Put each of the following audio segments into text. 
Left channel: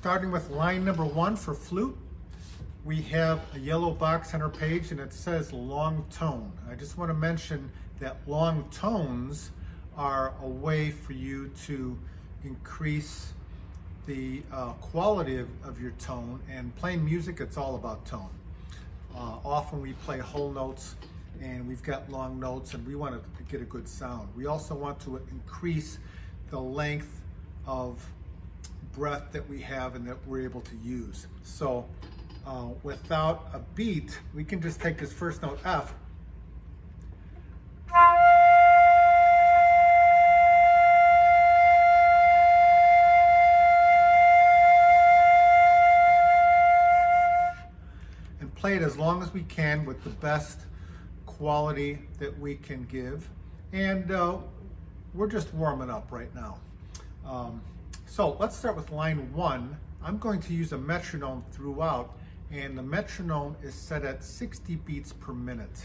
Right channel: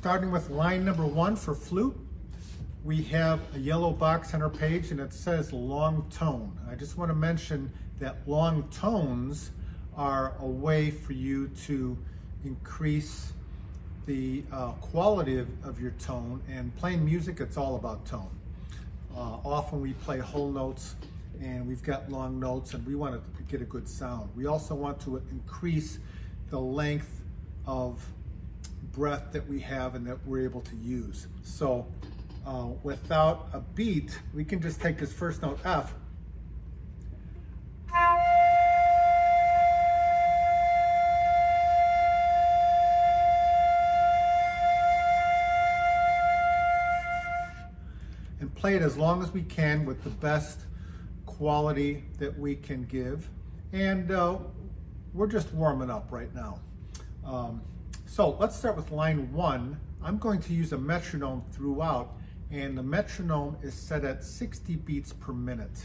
Starting with line number 1 for flute, we have a yellow box on our page and it says long tone. I just want to mention that long tones are a way for you to increase the quality of your tone, and playing music, it's all about tone. Often we play whole notes and we've got long notes and we want to get a good sound. We also want to increase the length of breath that we have and that we're able to use. So without a beat, we can just take this first note F and play it as long as we can with the best quality that we can give. And we're just warming up right now. So let's start with line 1. I'm going to use a metronome throughout, and the metronome is set at 60 beats per minute.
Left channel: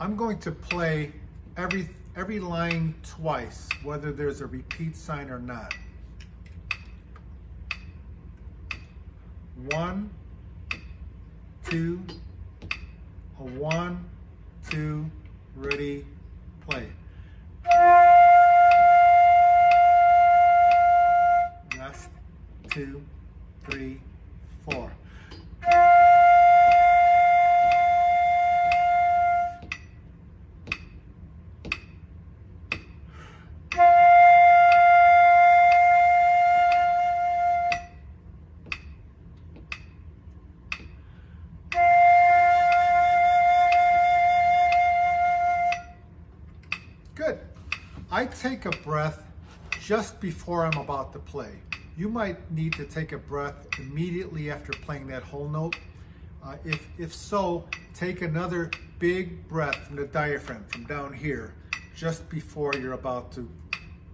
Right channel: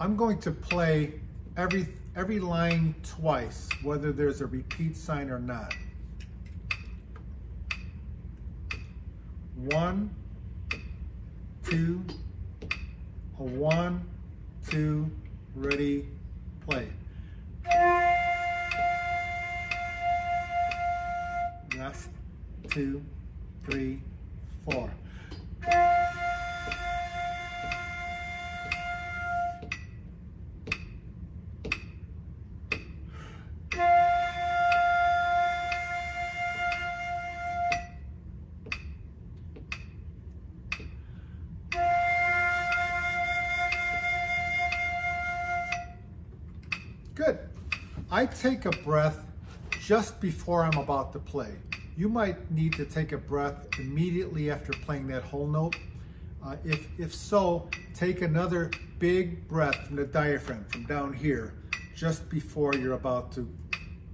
I'm going to play every line twice, whether there's a repeat sign or not. 1, 2, a 1, 2, ready, play. Rest, 2, 3, 4. Good. I take a breath just before I'm about to play. You might need to take a breath immediately after playing that whole note. If so, take another big breath from the diaphragm, from down here, just before you're about to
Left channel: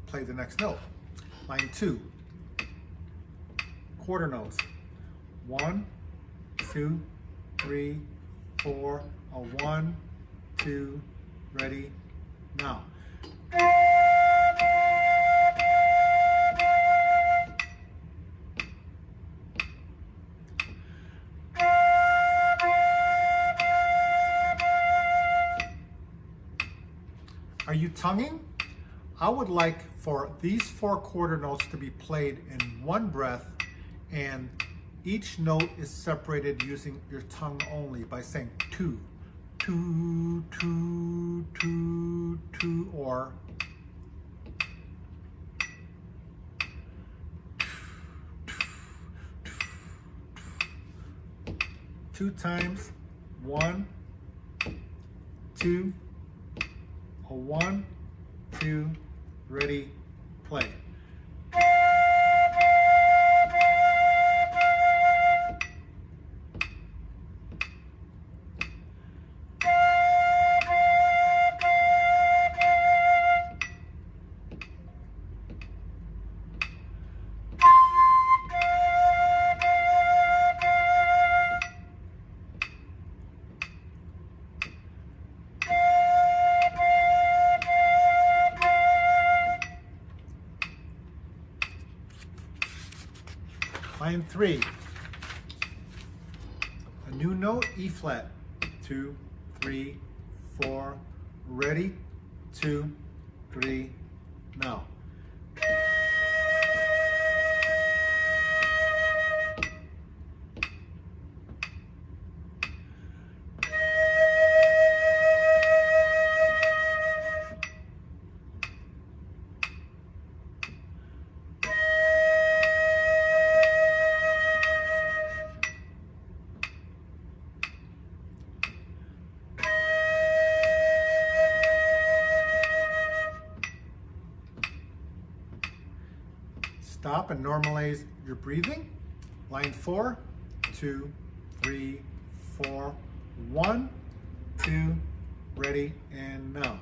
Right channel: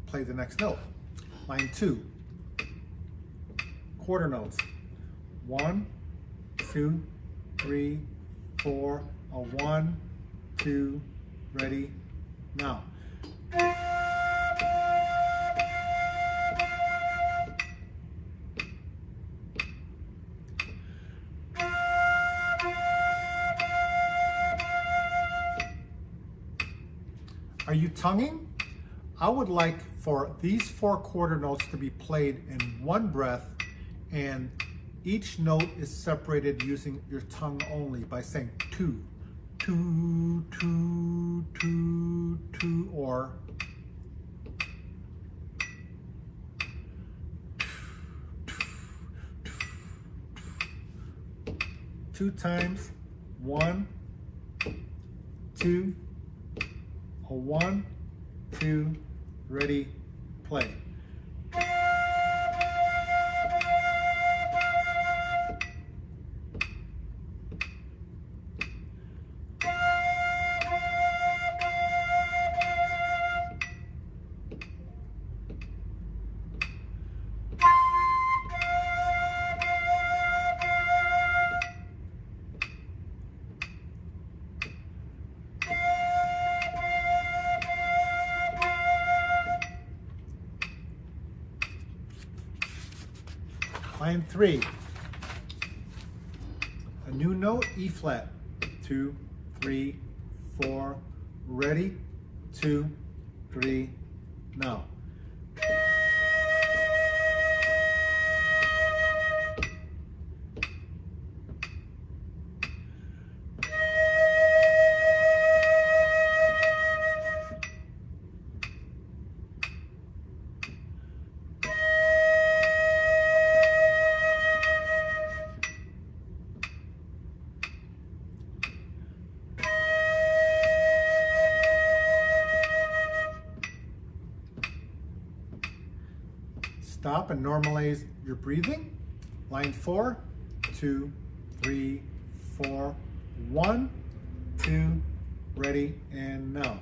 play the next note. Line 2, quarter notes. 1, 2, 3, 4, a 1, 2, ready, now. Are you tonguing? I would like for these 4 quarter notes to be played in one breath, and each note is separated using your tongue only by saying two, two, two, two, two, or two times. 1, 2, a 1, 2, ready, play. Line 3, a new note, E flat, 2, 3, 4, ready, 2, 3, now. Stop and normalize your breathing. Line 4, 2, 3, 4, 1, 2, ready, and now.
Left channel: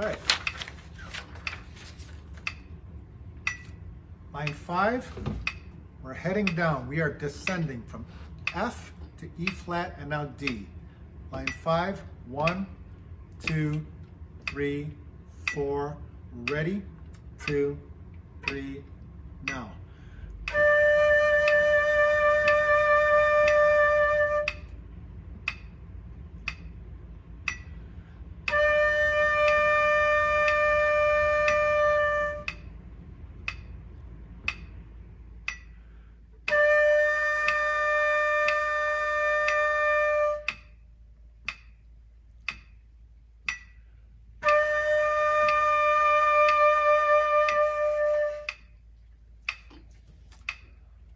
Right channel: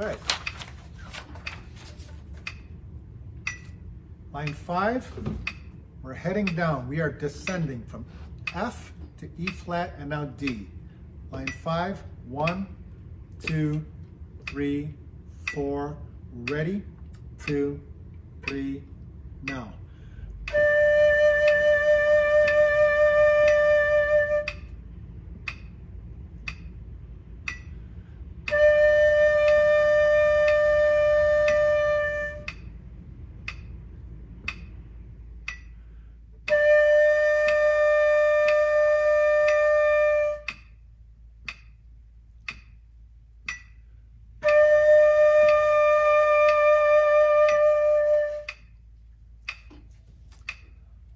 right. Line 5, we're heading down. We are descending from F to E flat and now D. Line 5, 1, 2, 3, 4, ready, 2, 3, now.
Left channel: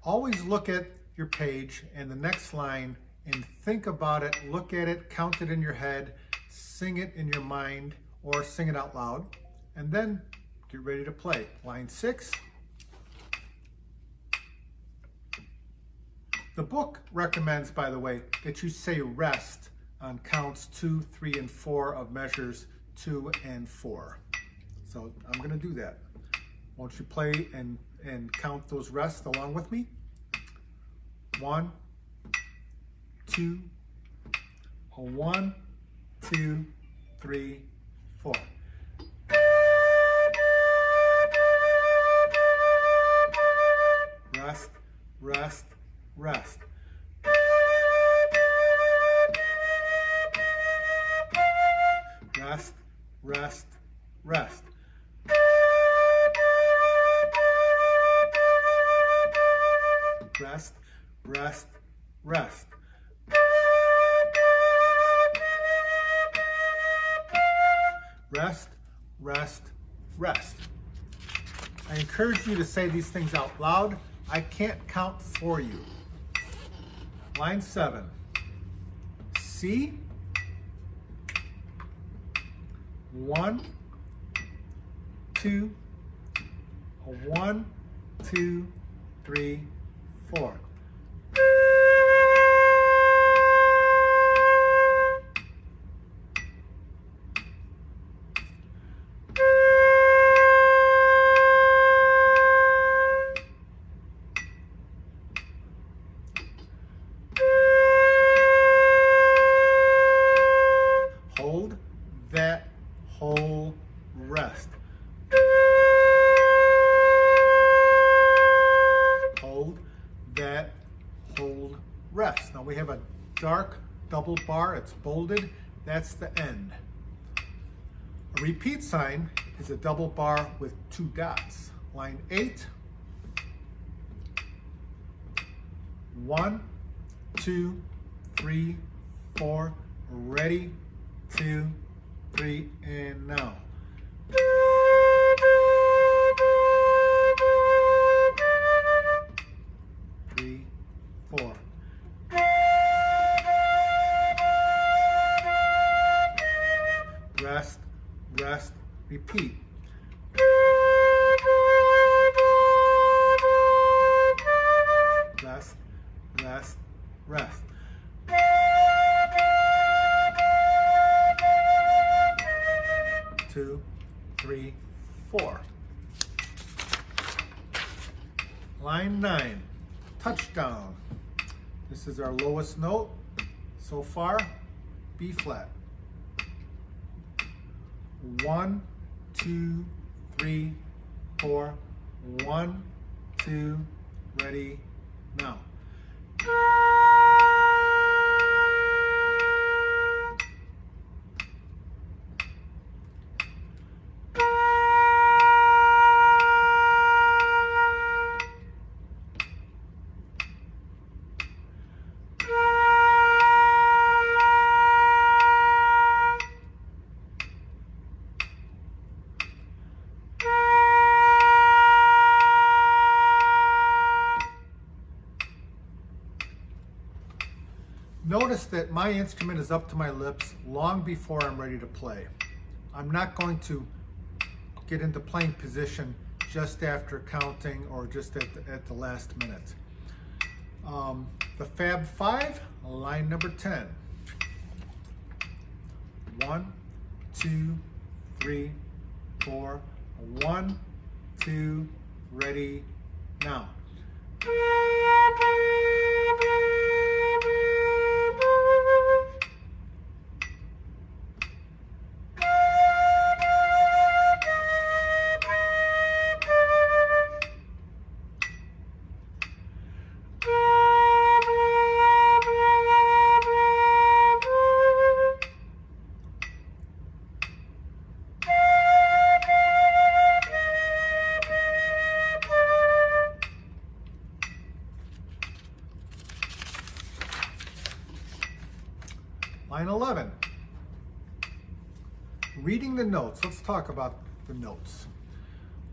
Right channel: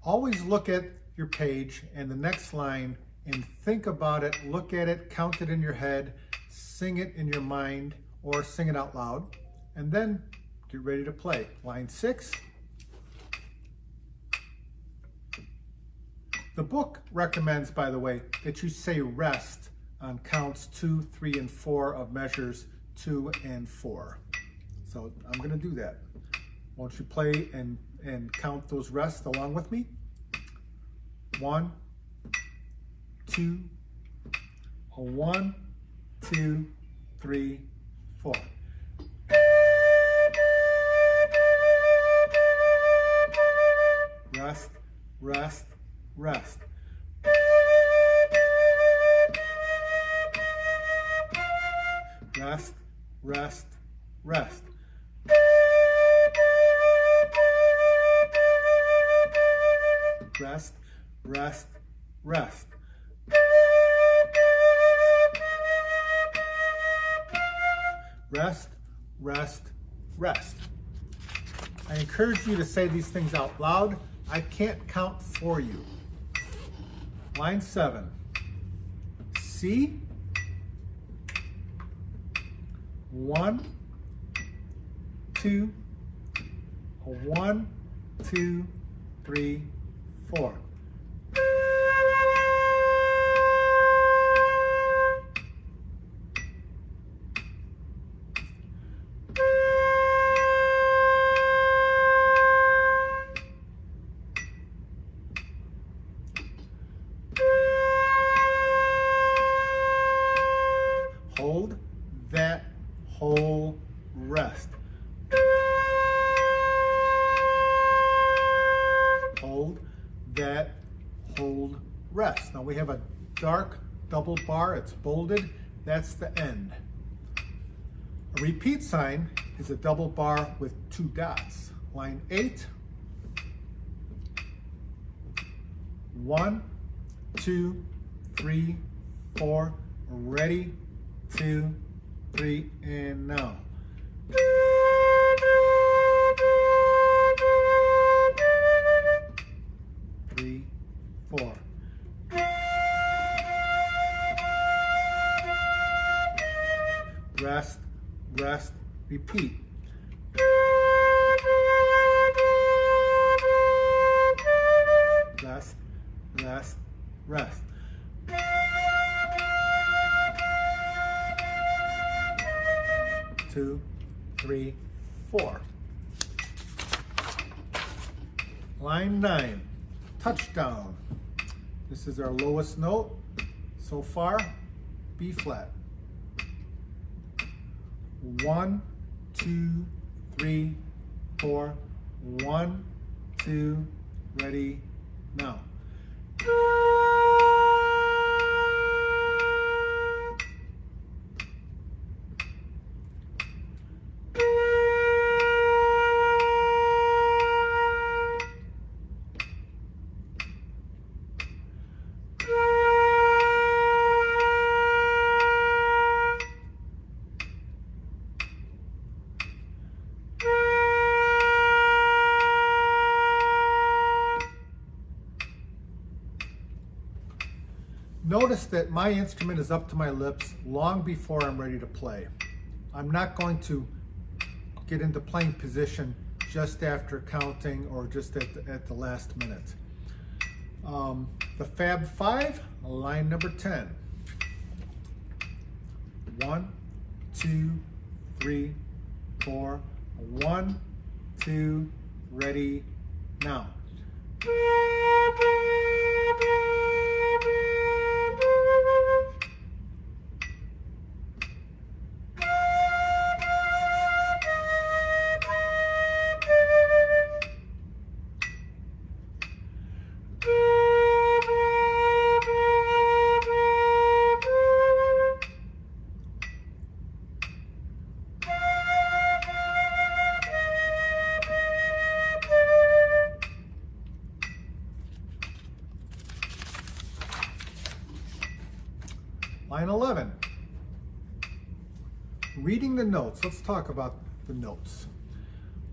Always look at your page and the next line and think about it, look at it, count it in your head, sing it in your mind or sing it out loud, and then get ready to play. Line 6. The book recommends, by the way, that you say rest on counts 2, 3, and 4 of measures 2 and 4. So I'm going to do that. Won't you play and count those rests along with me? 1, 2, 1, 2, 3, 4. Rest, rest, rest. Rest, rest, rest. Rest, rest, rest. Rest, rest, rest. I encourage you to say these things out loud. I can't count for you. Line 7. C. 1, 2, 1, 2, 3, 4. Hold that whole rest. Hold that hold rest. Now we have a dark double bar, it's bolded, that's the end. A repeat sign is a double bar with 2 dots. Line 8, 1, 2, 3, 4, ready, 2, 3, and now. Three, 4. Rest, rest, repeat. Rest, rest, rest. Two, 3, 4. Line 9, touchdown. This is our lowest note so far, B flat. 1, 2, 3, 4. 1, 2, ready, now. Notice that my instrument is up to my lips long before I'm ready to play. I'm not going to get into playing position just after counting or just at the last minute. The Fab 5, line number 10. 1, 2, 3, 4. 1, 2, ready, now. Line 11, reading the notes. Let's talk about the notes.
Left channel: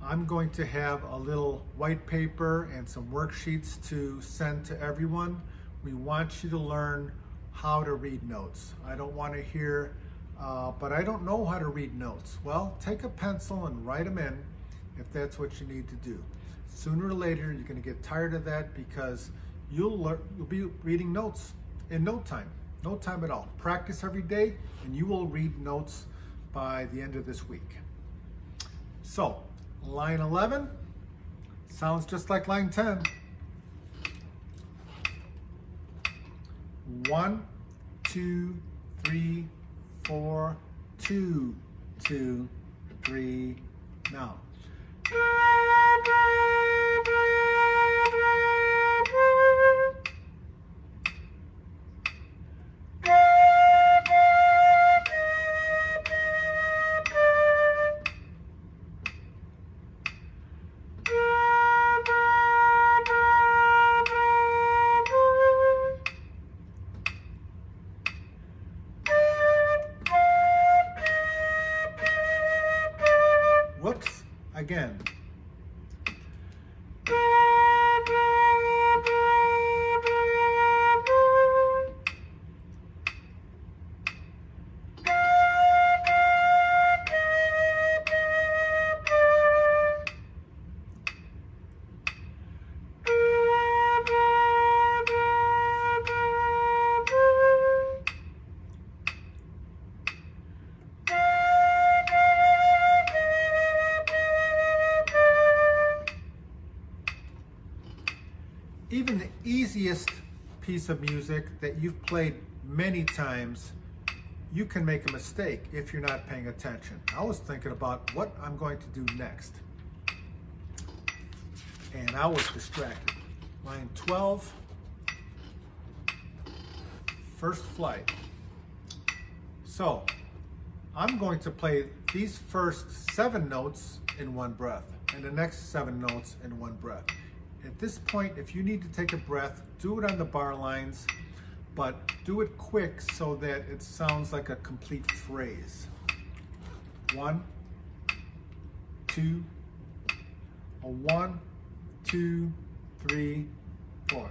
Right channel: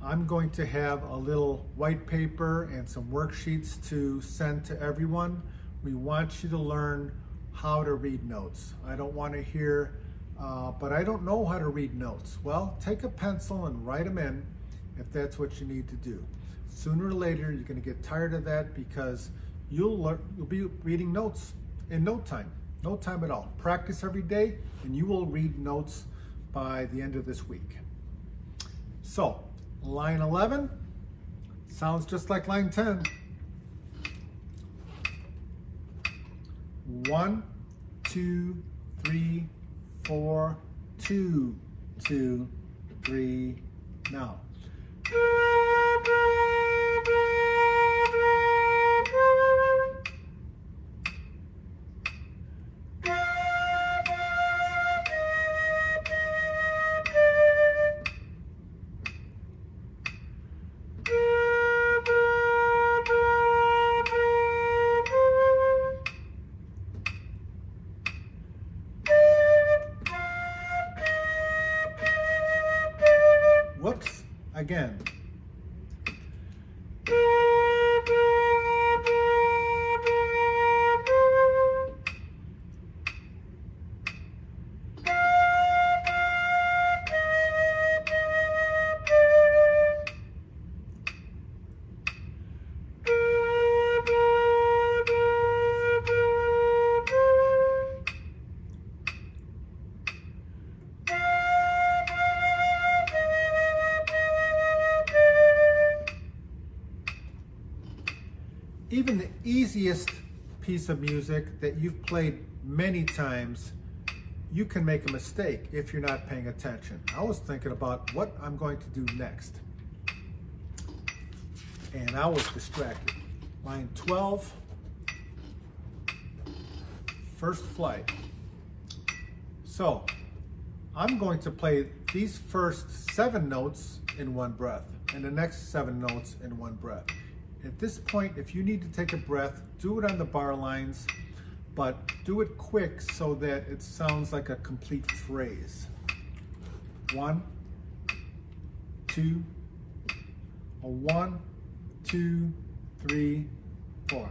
I'm going to have a little white paper and some worksheets to send to everyone. We want you to learn how to read notes. I don't want to hear, but I don't know how to read notes. Well, take a pencil and write them in if that's what you need to do. Sooner or later, you're going to get tired of that because you'll be reading notes in no time. No time at all. Practice every day and you will read notes by the end of this week. So, line 11 sounds just like line 10. 1, 2, 3, 4, 2, 2, 3, now. Whoops, again. Even the easiest piece of music that you've played many times, you can make a mistake if you're not paying attention. I was thinking about what I'm going to do next, and I was distracted. Line 12, first flight. So, I'm going to play these first 7 notes in one breath, and the next 7 notes in one breath. At this point, if you need to take a breath, do it on the bar lines, but do it quick so that it sounds like a complete phrase. 1, 2, 1, 2, 3, 4.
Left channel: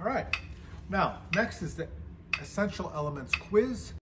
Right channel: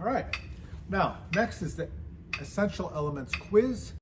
All right, now next is the Essential Elements quiz.